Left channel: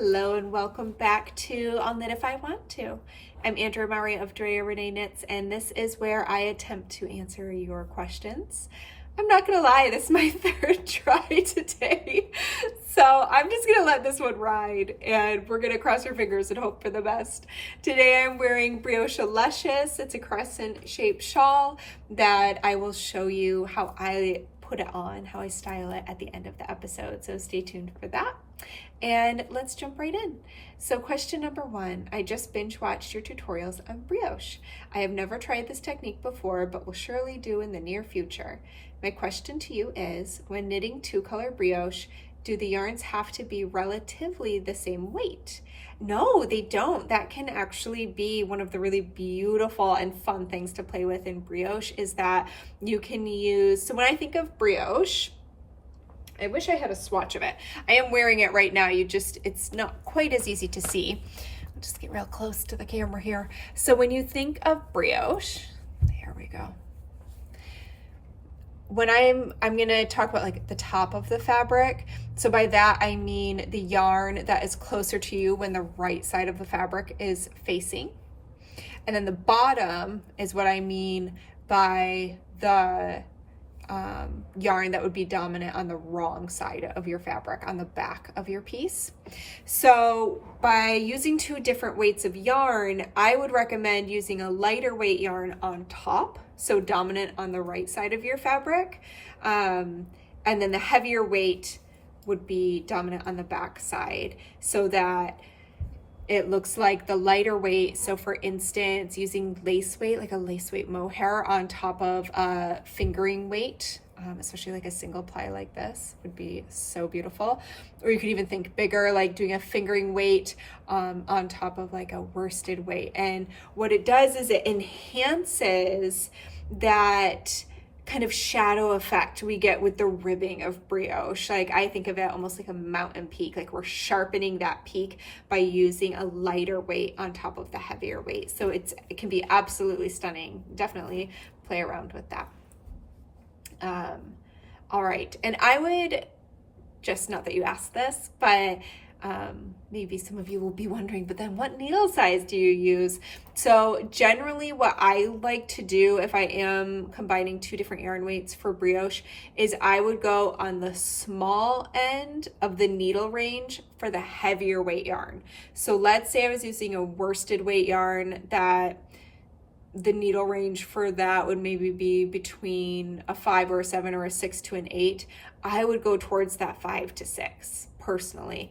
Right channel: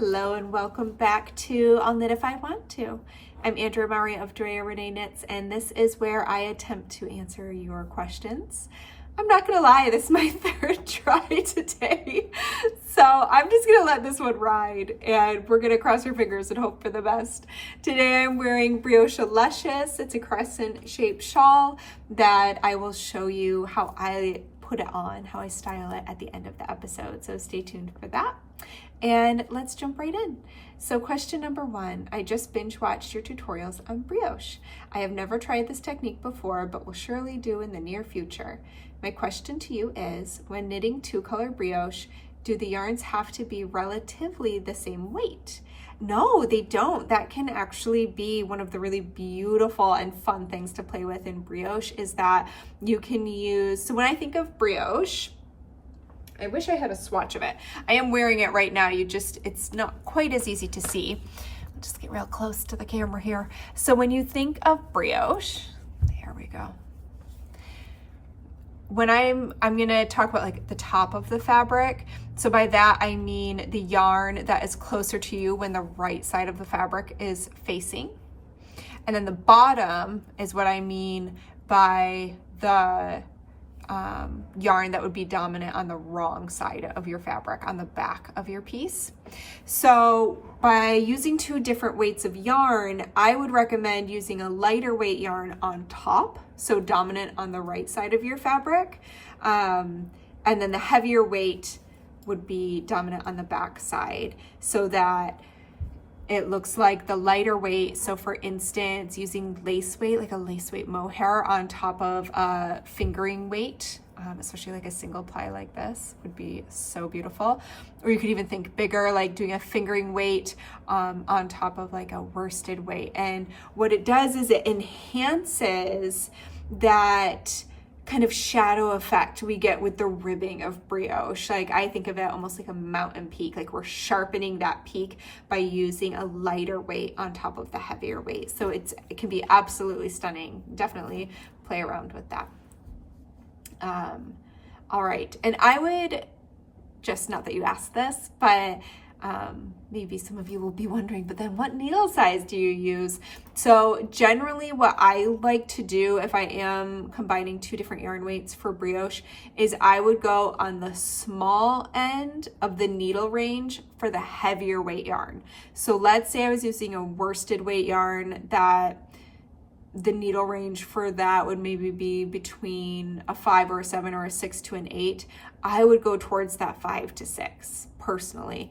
Hello and welcome back to I'll Knit If I Want To. I'm Andrea Maury of Drea Renee Knits, and this is where I attempt to answer your questions. I'm not gonna lie, this is my third try today, so I'm just gonna let this one ride and we're gonna cross our fingers and hope for the best. Today I'm wearing Brioche Luscious. It's a crescent shaped shawl that I will show you how I put it on, how I style it at the end of the episode, so stay tuned for that. And let's jump right in. So question number one, I just binge watched your tutorials on brioche. I have never tried this technique before, but will surely do in the near future. My question to you is, when knitting two-color brioche, do the yarns have to be relatively the same weight? No, they don't. That can actually be one of the really beautiful and fun things to play with in brioche, is that you can use, so when I think of brioche, I wish I had a swatch of it. I am wearing it right now. It's not quite as easy to see. I'll just get real close to the camera here. So when you think of brioche, there we go. When I'm gonna talk about like the top of the fabric. So by that, I mean the yarn that is closer to you when the right side of the fabric is facing. And then the bottom is what I mean by the yarn that would be dominant on the wrong side of your fabric, on the back of your piece. So by using two different weights of yarn, I would recommend using a lighter weight yarn on top, so dominant on the right side of your fabric, and then the heavier weight would be dominant on the back side, so that it looks like the lighter weight. So for instance, using lace weight, like a lace weight mohair on top of a fingering weight, especially like a single ply like this, would be so beautiful. Or you could even think bigger, like doing a fingering weight on top of like a worsted weight. And what it does is it enhances that kind of shadow effect we get with the ribbing of brioche. Like I think of it almost like a mountain peak, like we're sharpening that peak by using a lighter weight on top of the heavier weight. So it can be absolutely stunning. Definitely play around with that. All right, and I would just, not that you asked this, but maybe some of you will be wondering, but then what needle size do you use? So generally what I like to do if I am combining two different yarn weights for brioche is I would go on the small end of the needle range for the heavier weight yarn. So let's say I was using a worsted weight yarn, that the needle range for that would maybe be between a 5 or a 7 or a 6 to an 8. I would go towards that 5 to 6 personally.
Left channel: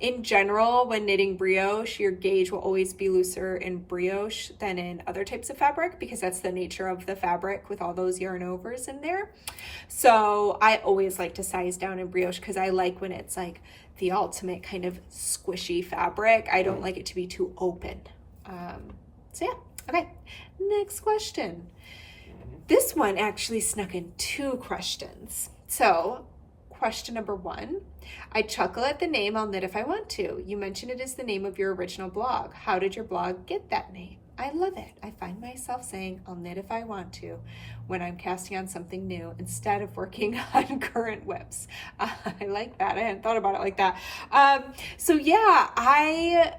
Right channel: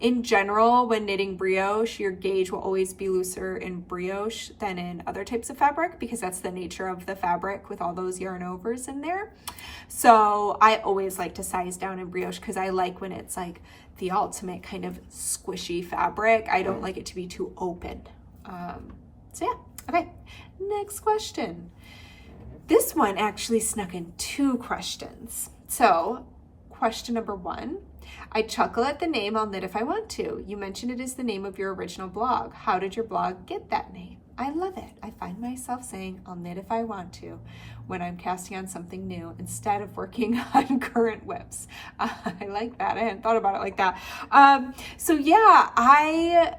In general, when knitting brioche, your gauge will always be looser in brioche than in other types of fabric, because that's the nature of the fabric with all those yarn overs in there. So I always like to size down in brioche because I like when it's like the ultimate kind of squishy fabric. I don't like it to be too open. So yeah. Okay, next question. This one actually snuck in two questions. So, question number one, I chuckle at the name I'll Knit If I Want To. You mentioned it is the name of your original blog. How did your blog get that name? I love it. I find myself saying I'll knit if I want to when I'm casting on something new instead of working on current whips. I like that. I hadn't thought about it like that. So yeah, I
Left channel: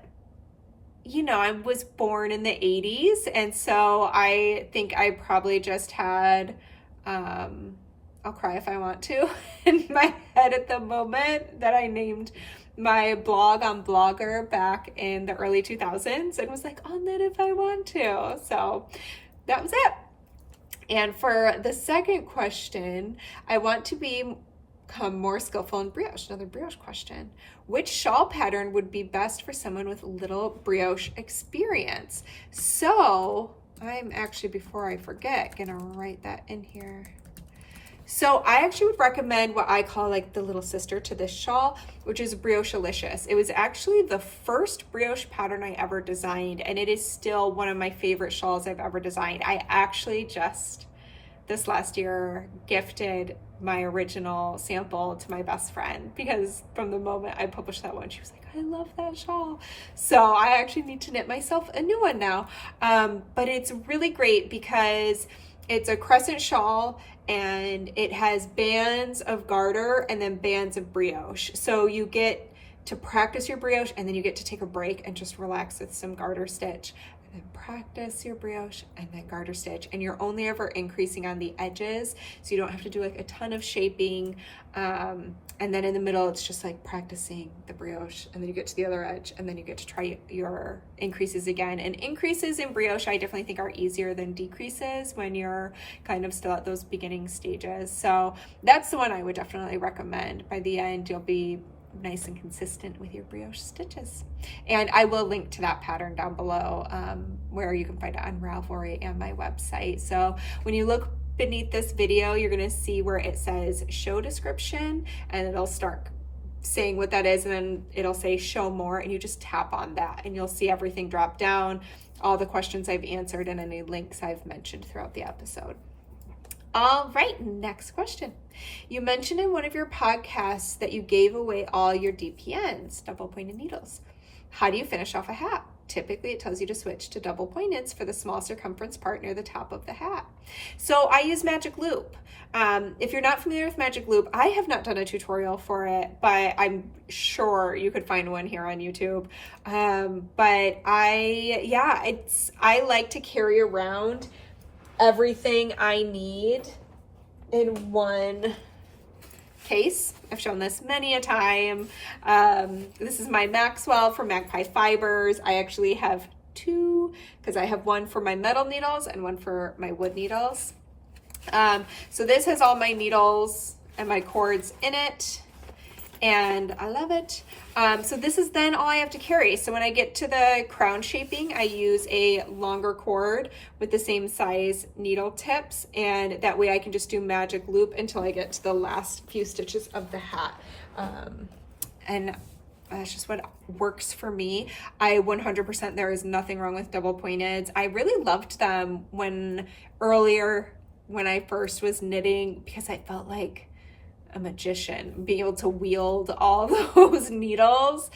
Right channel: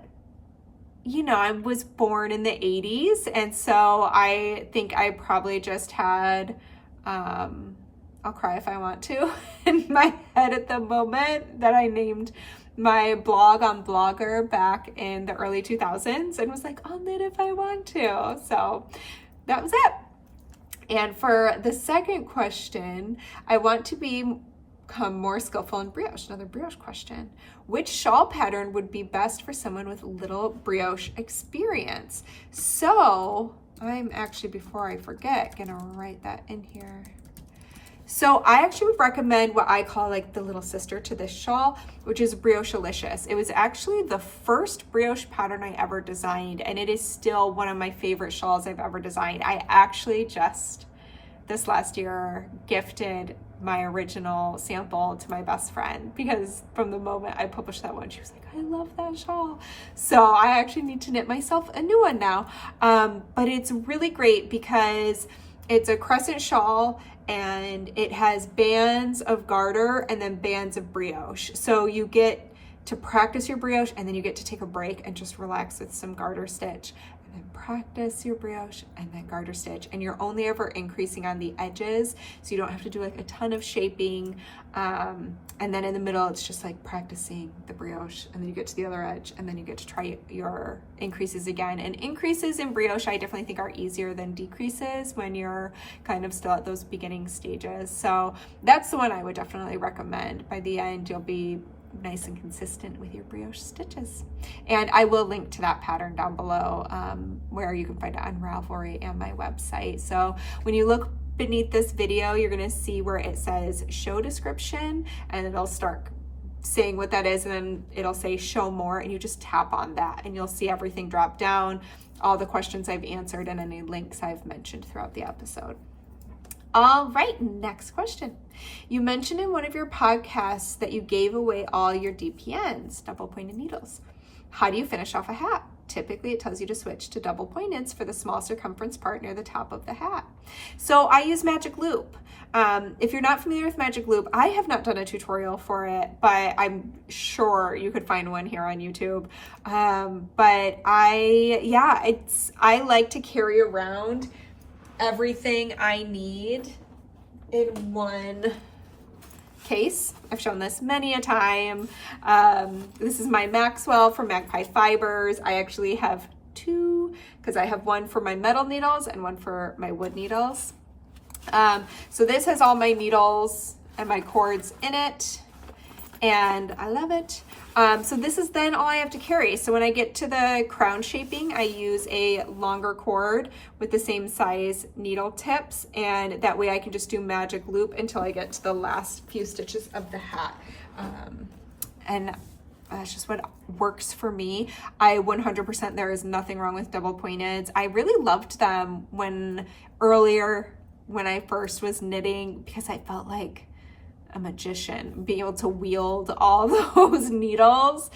was born in the 80s, and so I think I probably just had, I'll cry if I want to, in my head at the moment that I named my blog on Blogger back in the early 2000s and was like, I'll knit if I want to. So that was it. And for the second question, I want to become more skillful in brioche. Another brioche question. Which shawl pattern would be best for someone with little brioche experience? So I'm actually, before I forget, gonna write that in here. So I actually would recommend what I call like the little sister to this shawl, which is Brioche Delicious. It was actually the first brioche pattern I ever designed, and it is still one of my favorite shawls I've ever designed. I actually just this last year gifted my original sample to my best friend, because from the moment I published that one, she was like, I love that shawl. So I actually need to knit myself a new one now. But it's really great because it's a crescent shawl and it has bands of garter and then bands of brioche. So you get to practice your brioche, and then you get to take a break and just relax with some garter stitch. And then practice your brioche and then garter stitch, and you're only ever increasing on the edges, so you don't have to do like a ton of shaping. And then in the middle, it's just like practicing the brioche, and then you get to the other edge, and then you get to try your increases again. And increases in brioche, I definitely think are easier than decreases when you're kind of still at those beginning stages. So that's the one I would definitely recommend. By the end, you'll be nice and consistent with your brioche stitches. And I will link to that pattern down below, where you can find it on Ravelry and my website. So when you look beneath this video, you're going to see where it says show description, and it'll start saying what that is, and then it'll say show more, and you just tap on that and you'll see everything drop down, all the questions I've answered and any links I've mentioned throughout the episode. All right, next question. You mentioned in one of your podcasts that you gave away all your DPNs, double pointed needles. How do you finish off a hat? Typically, it tells you to switch to double pointeds for the small circumference part near the top of the hat. So I use Magic Loop. If you're not familiar with Magic Loop, I have not done a tutorial for it, but I'm sure you could find one here on YouTube. But I like to carry around everything I need in one case. I've shown this many a time. This is my Maxwell from Magpie Fibers. I actually have two, because I have one for my metal needles and one for my wood needles. So this has all my needles and my cords in it, and I love it. So this is then all I have to carry. So when I get to the crown shaping, I use a longer cord with the same size needle tips, and that way I can just do Magic Loop until I get to the last few stitches of the hat. And that's just what works for me. I 100%, there is nothing wrong with double pointeds. I really loved them when I first was knitting, because I felt like a magician. Being able to wield all those needles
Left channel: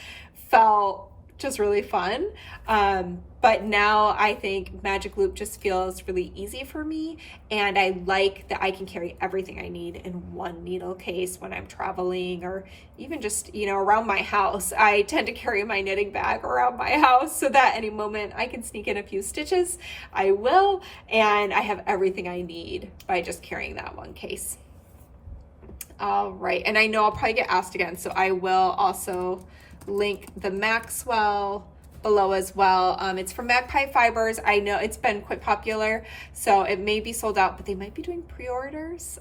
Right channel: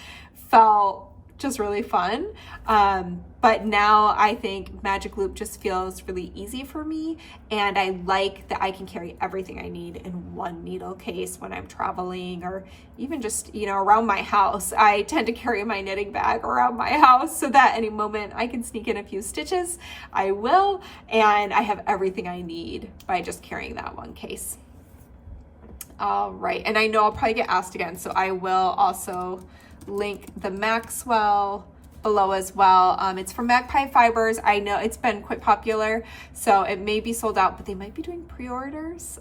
felt just really fun. But now I think Magic Loop just feels really easy for me, and I like that I can carry everything I need in one needle case when I'm traveling, or even just, around my house. I tend to carry my knitting bag around my house so that any moment I can sneak in a few stitches, I will, and I have everything I need by just carrying that one case. All right, and I know I'll probably get asked again, so I will also link the Maxwell below as well. It's from Magpie Fibers. I know it's been quite popular, so it may be sold out, but they might be doing pre-orders.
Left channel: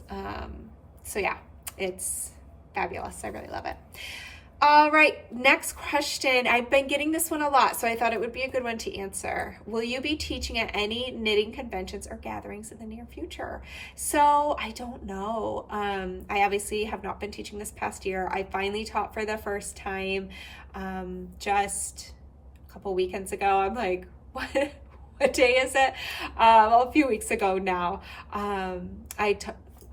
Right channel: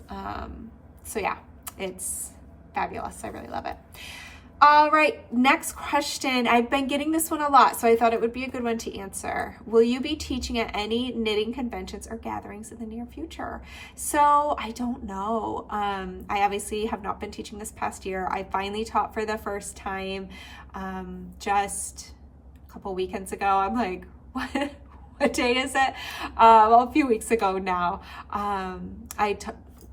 So yeah, it's fabulous. I really love it. All right, next question. I've been getting this one a lot, so I thought it would be a good one to answer. Will you be teaching at any knitting conventions or gatherings in the near future? So I don't know. I obviously have not been teaching this past year. I finally taught for the first time just a couple weekends ago. I'm like, what day is it? Well, a few weeks ago now. I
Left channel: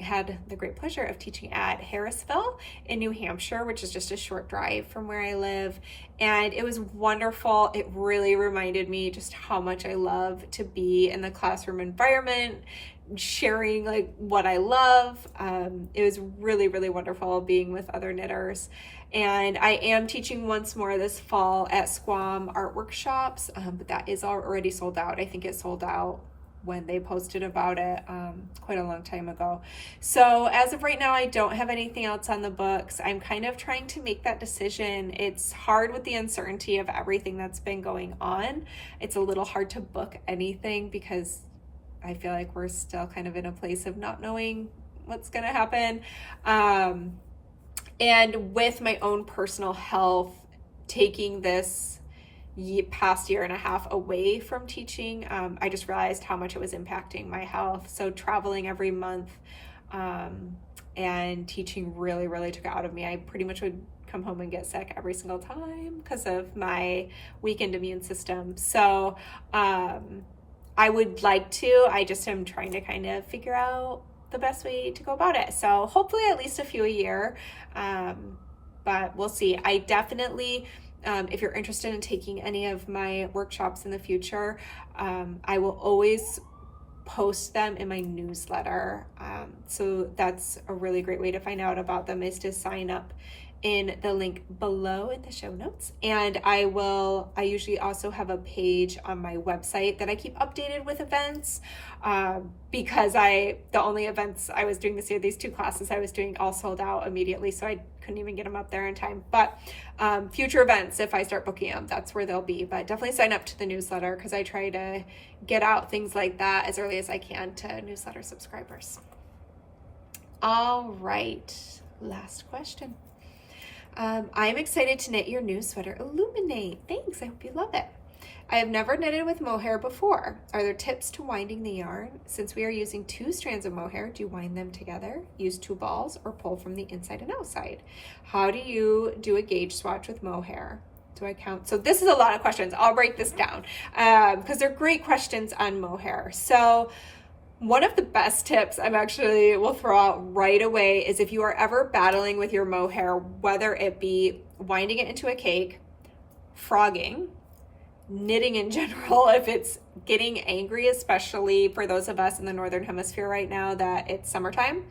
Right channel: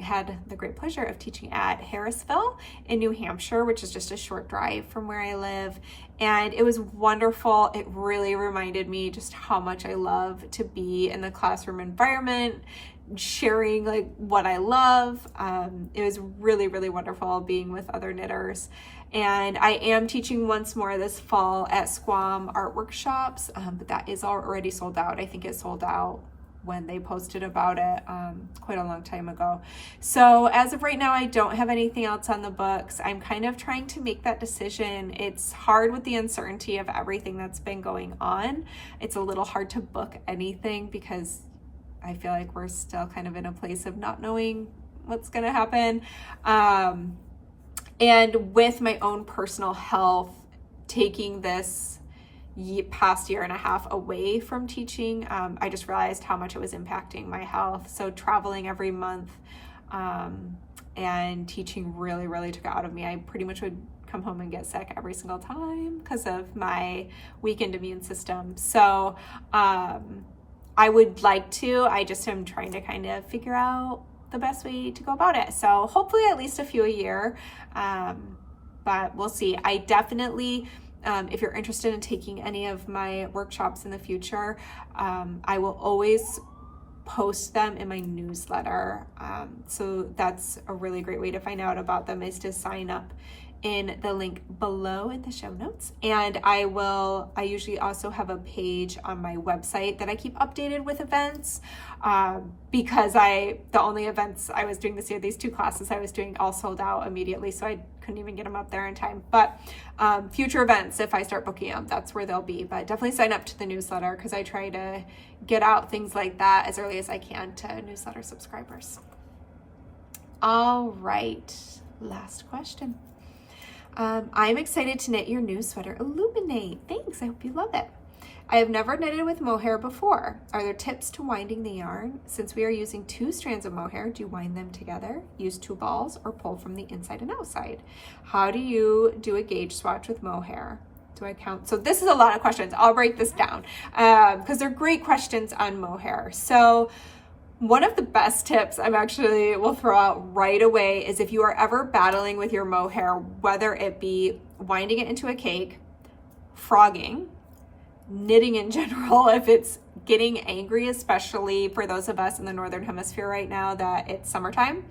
had the great pleasure of teaching at Harrisville in New Hampshire, which is just a short drive from where I live. And it was wonderful. It really reminded me just how much I love to be in the classroom environment, sharing like what I love. It was really, really wonderful being with other knitters. And I am teaching once more this fall at Squam Art Workshops, but that is already sold out. I think it sold out when they posted about it quite a long time ago. So as of right now, I don't have anything else on the books. I'm kind of trying to make that decision. It's hard with the uncertainty of everything that's been going on. It's a little hard to book anything because I feel like we're still kind of in a place of not knowing what's going to happen. And with my own personal health, taking this past year and a half away from teaching, I just realized how much it was impacting my health. So traveling every month and teaching really, really took it out of me. I pretty much would come home and get sick every single time because of my weakened immune system. So I would like to, I just am trying to kind of figure out the best way to go about it. So hopefully at least a few a year, but we'll see. I definitely, if you're interested in taking any of my workshops in the future, I will always post them in my newsletter. So that's a really great way to find out about them, is to sign up in the link below in the show notes. And I usually also have a page on my website that I keep updated with events, because the only events I was doing this year, these 2 classes I was doing, all sold out immediately, so I couldn't even get them up there in time. But future events, if I start booking them, that's where they'll be. But definitely sign up to the newsletter, because I try to get out things like that as early as I can to newsletter subscribers. All right, last question. I'm excited to knit your new sweater, Illuminate. Thanks, I hope you love it. I have never knitted with mohair before. Are there tips to winding the yarn? Since we are using 2 strands of mohair, do you wind them together, use 2 balls, or pull from the inside and outside? How do you do a gauge swatch with mohair? Do I count? So this is a lot of questions. I'll break this down because they're great questions on mohair. So one of the best tips will throw out right away is if you are ever battling with your mohair, whether it be winding it into a cake, frogging, knitting in general, if it's getting angry, especially for those of us in the Northern Hemisphere right now that it's summertime,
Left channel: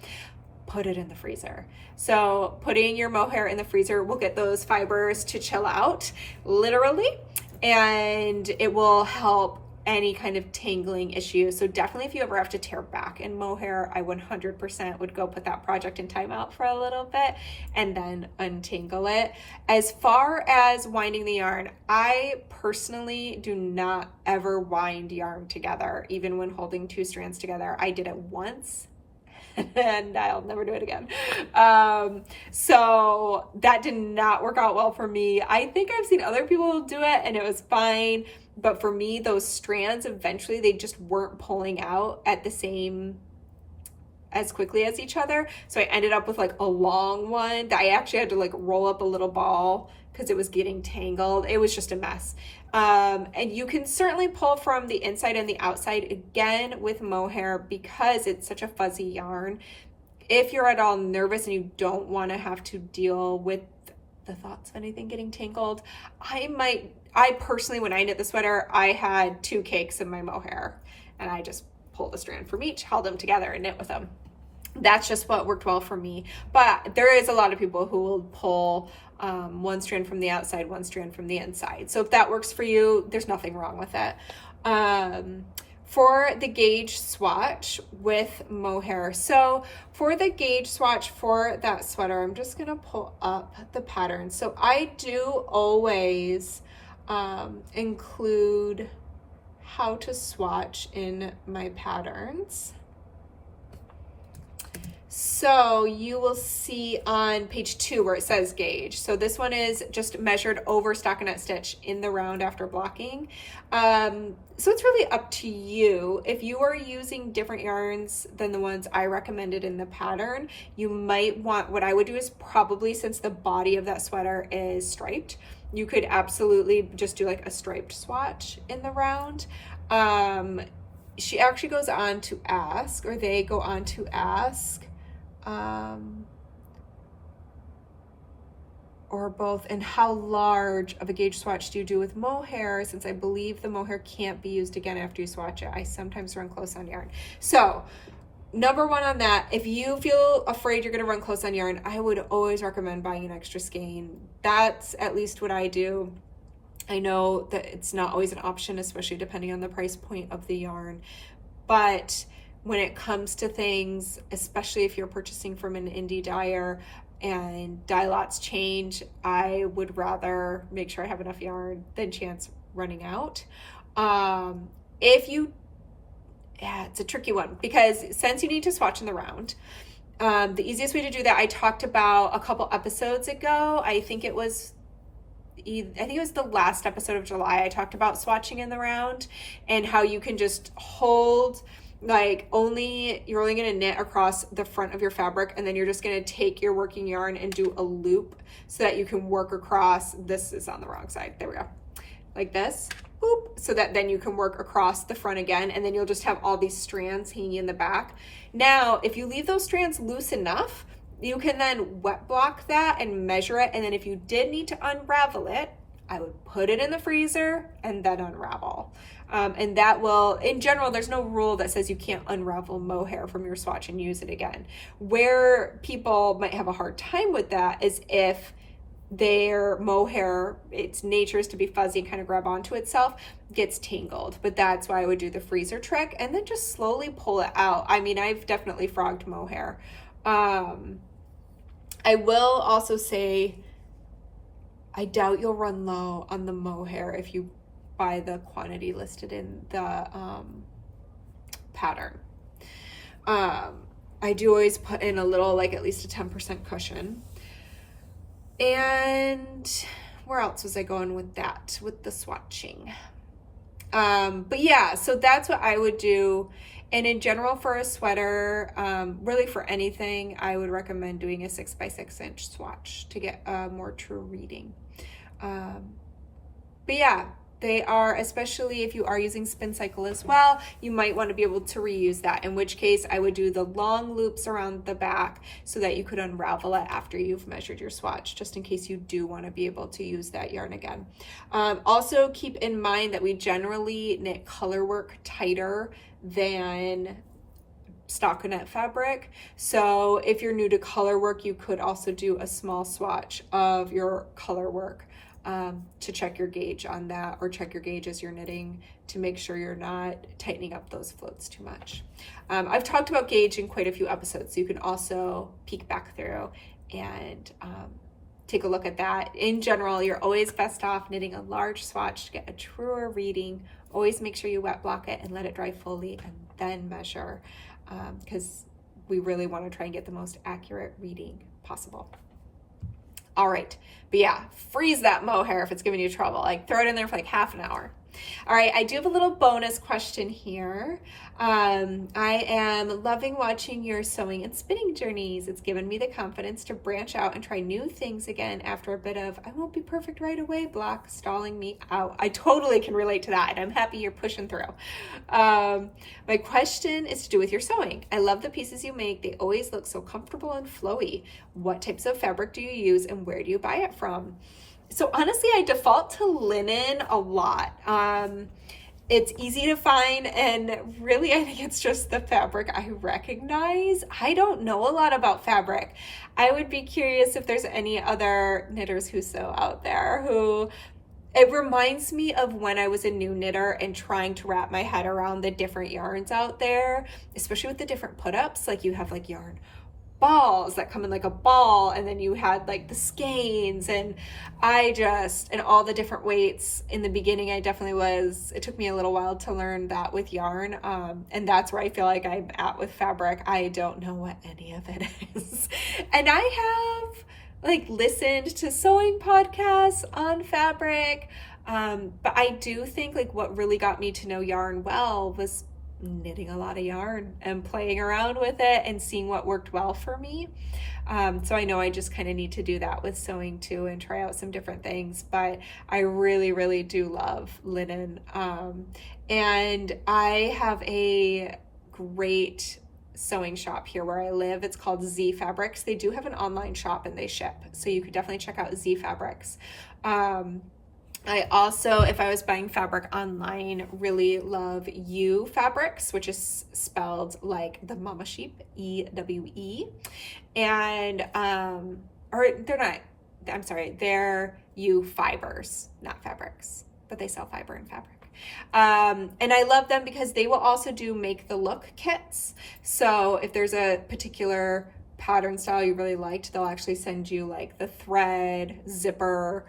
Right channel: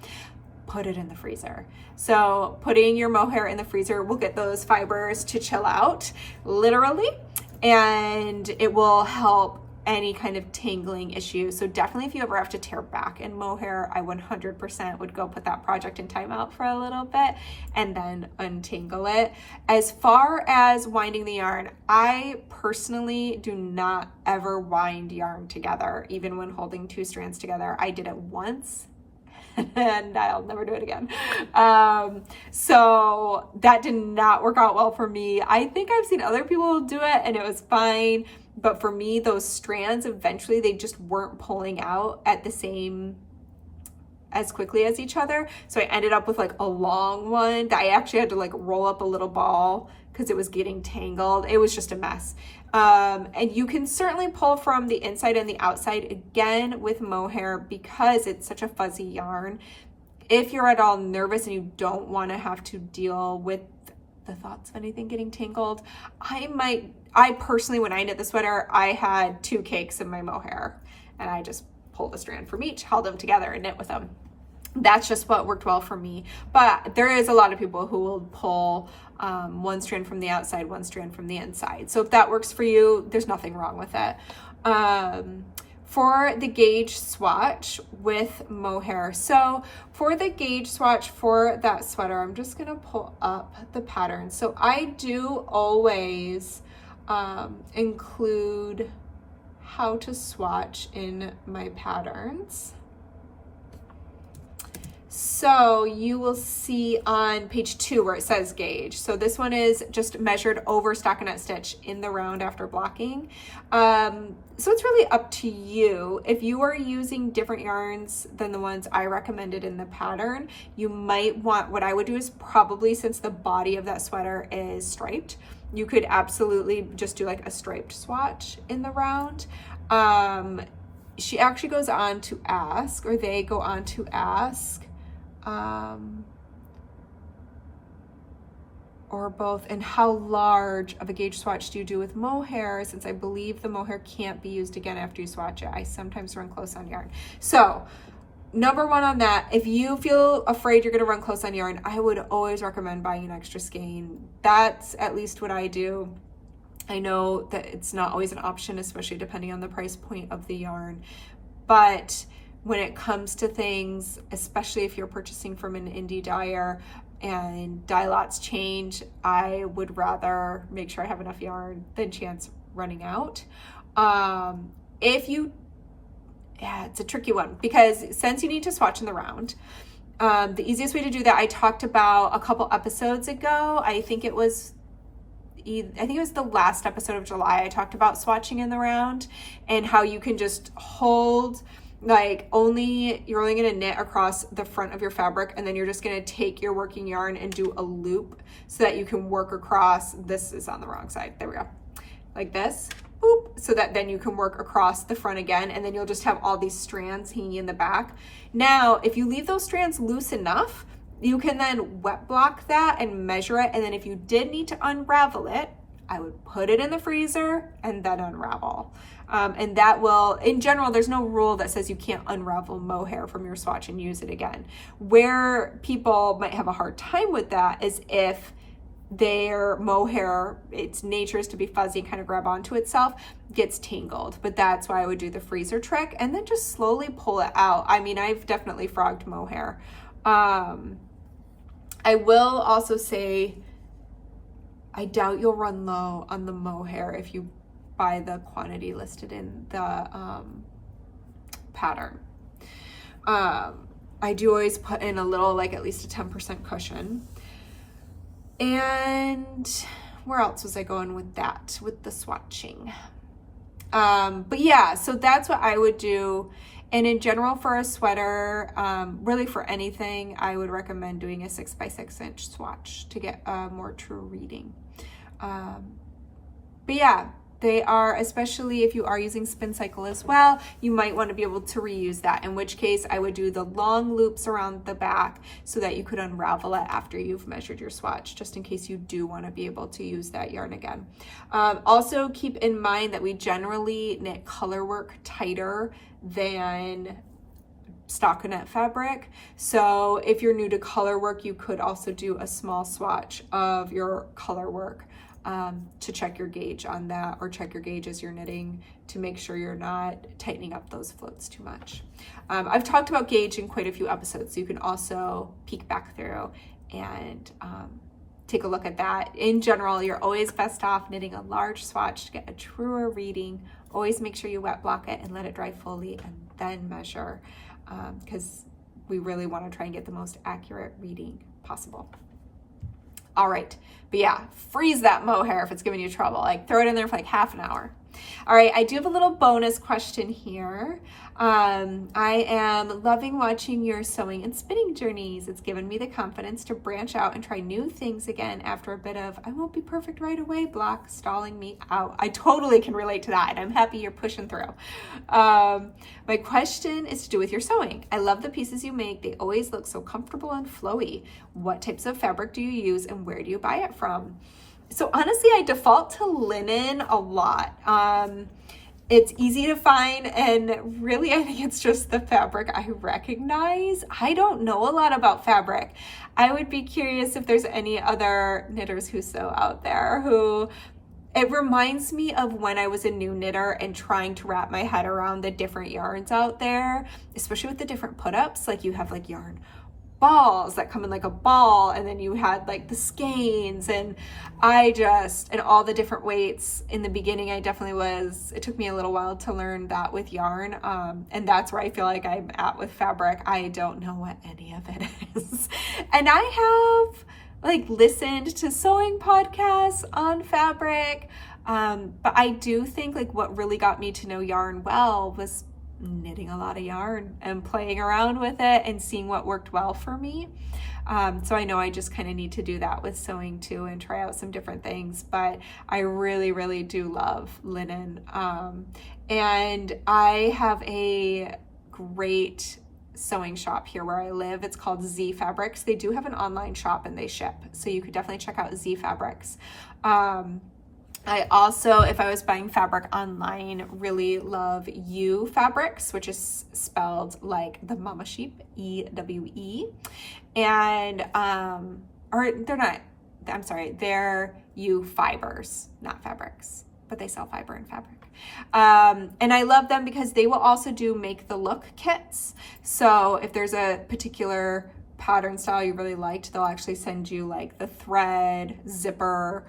put it in the freezer. So putting your mohair in the freezer will get those fibers to chill out, literally, and it will help any kind of tangling issue. So definitely if you ever have to tear back in mohair, I 100% would go put that project in timeout for a little bit and then untangle it. As far as winding the yarn, I personally do not ever wind yarn together, even when holding 2 strands together. I did it once and I'll never do it again. So that did not work out well for me. I think I've seen other people do it and it was fine. But for me, those strands, eventually they just weren't pulling out at the same as quickly as each other. So I ended up with like a long one that I actually had to like roll up a little ball because it was getting tangled. It was just a mess. And you can certainly pull from the inside and the outside again with mohair because it's such a fuzzy yarn. If you're at all nervous and you don't want to have to deal with the thoughts of anything getting tangled, I personally, when I knit the sweater, I had 2 cakes in my mohair and I just pulled a strand from each, held them together and knit with them. That's just what worked well for me. But there is a lot of people who will pull 1 strand from the outside, 1 strand from the inside. So if that works for you, there's nothing wrong with it. For the gauge swatch with mohair. So for the gauge swatch for that sweater, I'm just gonna pull up the pattern. So I do always include how to swatch in my patterns. So you will see on page 2 where it says gauge. So this one is just measured over stockinette stitch in the round after blocking. So it's really up to you. If you are using different yarns than the ones I recommended in the pattern, you might want, what I would do is probably, since the body of that sweater is striped, you could absolutely just do like a striped swatch in the round. She actually goes on to ask, or they go on to ask, or both, and how large of a gauge swatch do you do with mohair, since I believe the mohair can't be used again after you swatch it. I sometimes run close on yarn. So number 1 on that, if you feel afraid you're going to run close on yarn, I would always recommend buying an extra skein. That's at least what I do. I know that it's not always an option, especially depending on the price point of the yarn, but when it comes to things, especially if you're purchasing from an indie dyer and dye lots change, I would rather make sure I have enough yarn than chance running out. It's a tricky one because since you need to swatch in the round, the easiest way to do that, I talked about a couple episodes ago. I think it was the last episode of July. I talked about swatching in the round and how you can just hold, like, you're only going to knit across the front of your fabric, and then you're just going to take your working yarn and do a loop so that you can work across. This is on the wrong side. There we go. Like this. Boop, so that then you can work across the front again, and then you'll just have all these strands hanging in the back. Now, if you leave those strands loose enough, you can then wet block that and measure it, and then if you did need to unravel it, I would put it in the freezer and then unravel. And that will, in general, there's no rule that says you can't unravel mohair from your swatch and use it again. Where people might have a hard time with that is if their mohair, its nature is to be fuzzy and kind of grab onto itself, gets tangled. But that's why I would do the freezer trick and then just slowly pull it out. I mean, I've definitely frogged mohair. I will also say, I doubt you'll run low on the mohair if you buy the quantity listed in the pattern. I do always put in a little, like at least a 10% cushion. And where else was I going with that, with the swatching? But yeah, so that's what I would do. And in general for a sweater, really for anything, I would recommend doing a 6x6 inch swatch to get a more true reading. But yeah, they are, especially if you are using spin cycle as well, you might want to be able to reuse that, in which case I would do the long loops around the back so that you could unravel it after you've measured your swatch, just in case you do want to be able to use that yarn again. Also keep in mind that we generally knit color work tighter than stockinette fabric. So if you're new to color work, you could also do a small swatch of your color work to check your gauge on that, or check your gauge as you're knitting to make sure you're not tightening up those floats too much. I've talked about gauge in quite a few episodes, so you can also peek back through and take a look at that. In general, you're always best off knitting a large swatch to get a truer reading. Always make sure you wet block it and let it dry fully and then measure, because we really want to try and get the most accurate reading possible. All right, but yeah, freeze that mohair if it's giving you trouble. Like, throw it in there for like half an hour. All right, I do have a little bonus question here. I am loving watching your sewing and spinning journeys. It's given me the confidence to branch out and try new things again after a bit of I won't be perfect right away block stalling me out. I totally can relate to that, and I'm happy you're pushing through. My question is to do with your sewing. I love the pieces you make. They always look so comfortable and flowy. What types of fabric do you use and where do you buy it from? So honestly, I default to linen a lot. It's easy to find, and really I think it's just the fabric I recognize. I don't know a lot about fabric. I would be curious if there's any other knitters who sew out there who, it reminds me of when I was a new knitter and trying to wrap my head around the different yarns out there, especially with the different put-ups. Like, you have like yarn balls that come in like a ball, and then you had like the skeins, and and all the different weights. In the beginning, it took me a little while to learn that with yarn, and that's where I feel like I'm at with fabric. I don't know what any of it is. And I have like listened to sewing podcasts on fabric, but I do think like what really got me to know yarn well was knitting a lot of yarn and playing around with it and seeing what worked well for me. So I know I just kind of need to do that with sewing too and try out some different things, but I really, really do love linen. And I have a great sewing shop here where I live. It's called Z Fabrics. They do have an online shop and they ship, so you could definitely check out Z Fabrics. I also, if I was buying fabric online, really love U Fabrics, which is spelled like the mama sheep, E-W-E. And, or they're not, I'm sorry, they're U Fibers, not fabrics, but they sell fiber and fabric. And I love them because they will also do make the look kits. So if there's a particular pattern style you really liked, they'll actually send you like the thread, zipper.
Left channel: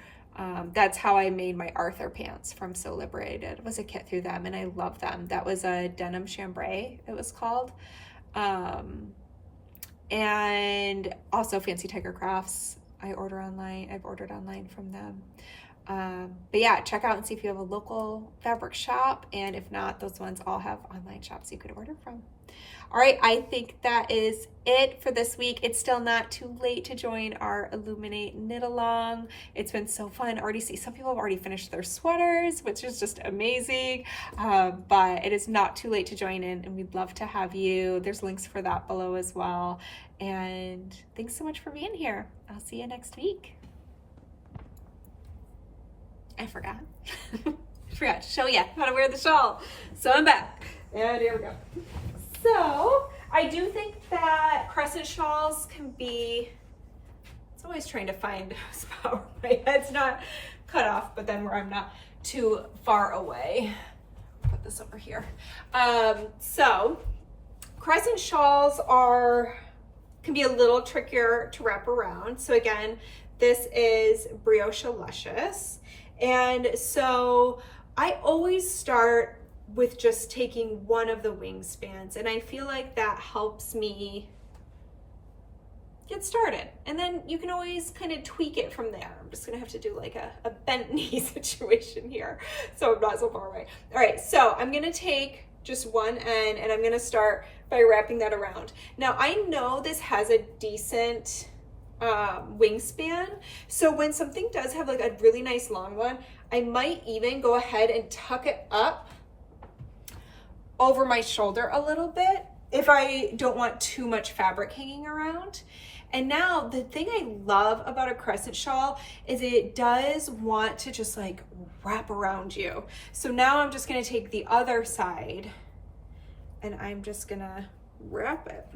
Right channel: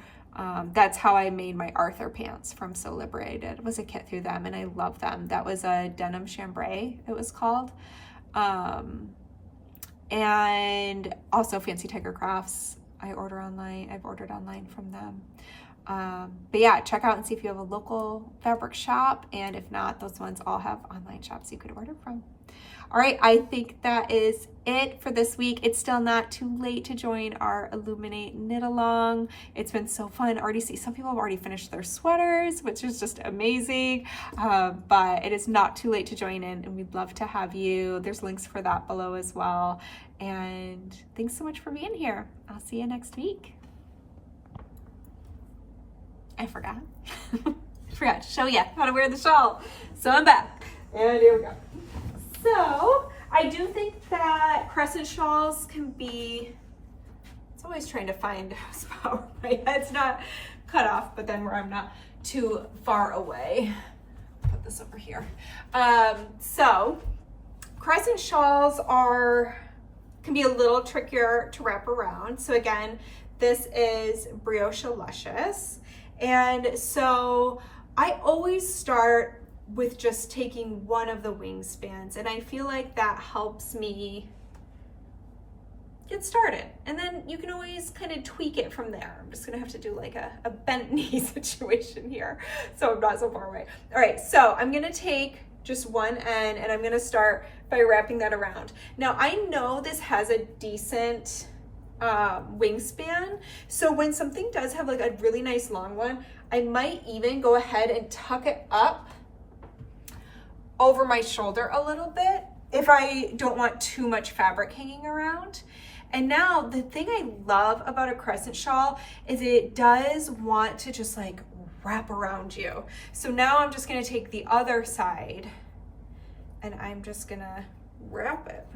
That's how I made my Arthur pants from Sew Liberated. It was a kit through them, and I love them. That was a denim chambray, it was called. And also Fancy Tiger Crafts. I've ordered online from them. But yeah, check out and see if you have a local fabric shop, and if not, those ones all have online shops you could order from. All right, I think that is it for this week. It's still not too late to join our Illuminate Knit Along. It's been so fun. I already see some people have already finished their sweaters, which is just amazing. But it is not too late to join in, and we'd love to have you. There's links for that below as well. And thanks so much for being here. I'll see you next week. I forgot. I forgot to show you how to wear the shawl. So I'm back. And here we go. So I do think that crescent shawls can be, it's always trying to find a spot where my head's not cut off, but then where I'm not too far away. Put this over here. So crescent shawls can be a little trickier to wrap around. So again, this is Brioche Luscious. And so I always start with just taking one of the wingspans, and I feel like that helps me get started. And then you can always kind of tweak it from there. I'm just gonna have to do like a bent knee situation here, so I'm not so far away. All right, so I'm gonna take just one end and I'm gonna start by wrapping that around. Now I know this has a decent wingspan, so when something does have like a really nice long one, I might even go ahead and tuck it up over my shoulder a little bit if I don't want too much fabric hanging around. And now the thing I love about a crescent shawl is it does want to just like wrap around you. So now I'm just gonna take the other side and I'm just gonna wrap it.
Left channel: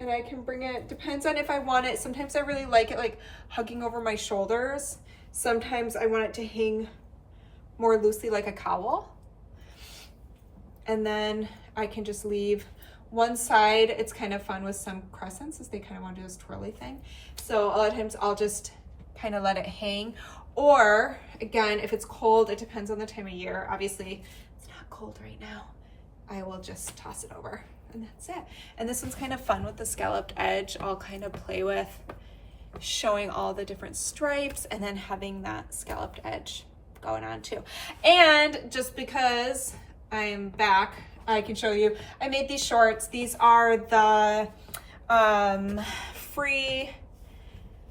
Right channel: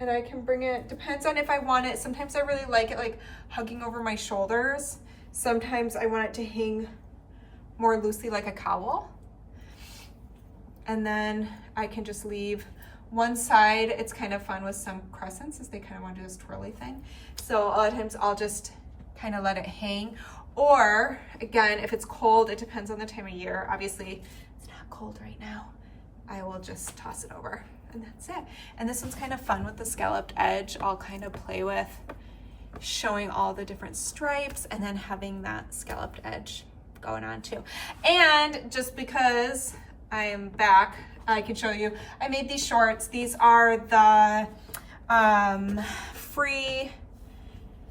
And I can bring it, depends on if I want it. Sometimes I really like it like hugging over my shoulders. Sometimes I want it to hang more loosely like a cowl. And then I can just leave one side. It's kind of fun with some crescents is they kind of want to do this twirly thing. So a lot of times I'll just kind of let it hang. Or again, if it's cold, it depends on the time of year. Obviously it's not cold right now. I will just toss it over and that's it. And this one's kind of fun with the scalloped edge. I'll kind of play with showing all the different stripes and then having that scalloped edge going on too. And just because I'm back, I can show you, I made these shorts. These are the free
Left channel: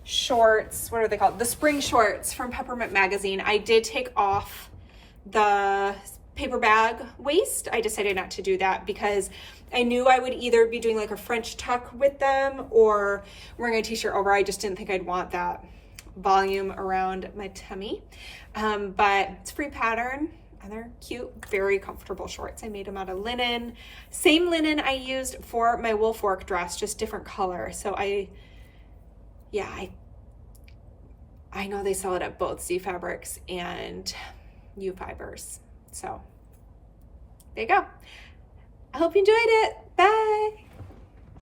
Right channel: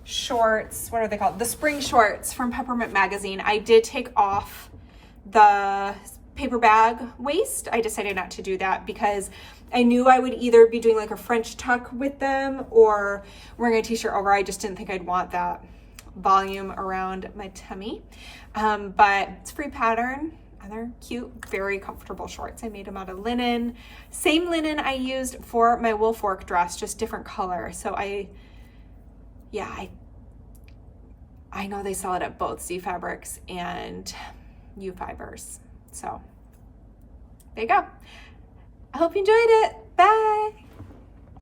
shorts, what are they called? The spring shorts from Peppermint Magazine. I did take off the paper bag waist. I decided not to do that because I knew I would either be doing like a French tuck with them or wearing a t-shirt over. I just didn't think I'd want that volume around my tummy. But it's free pattern. And they're cute, very comfortable shorts. I made them out of linen. Same linen I used for my wolf work dress, just different color. So I know they sell it at both Z Fabrics and U Fibers. So there you go. I hope you enjoyed it. Bye.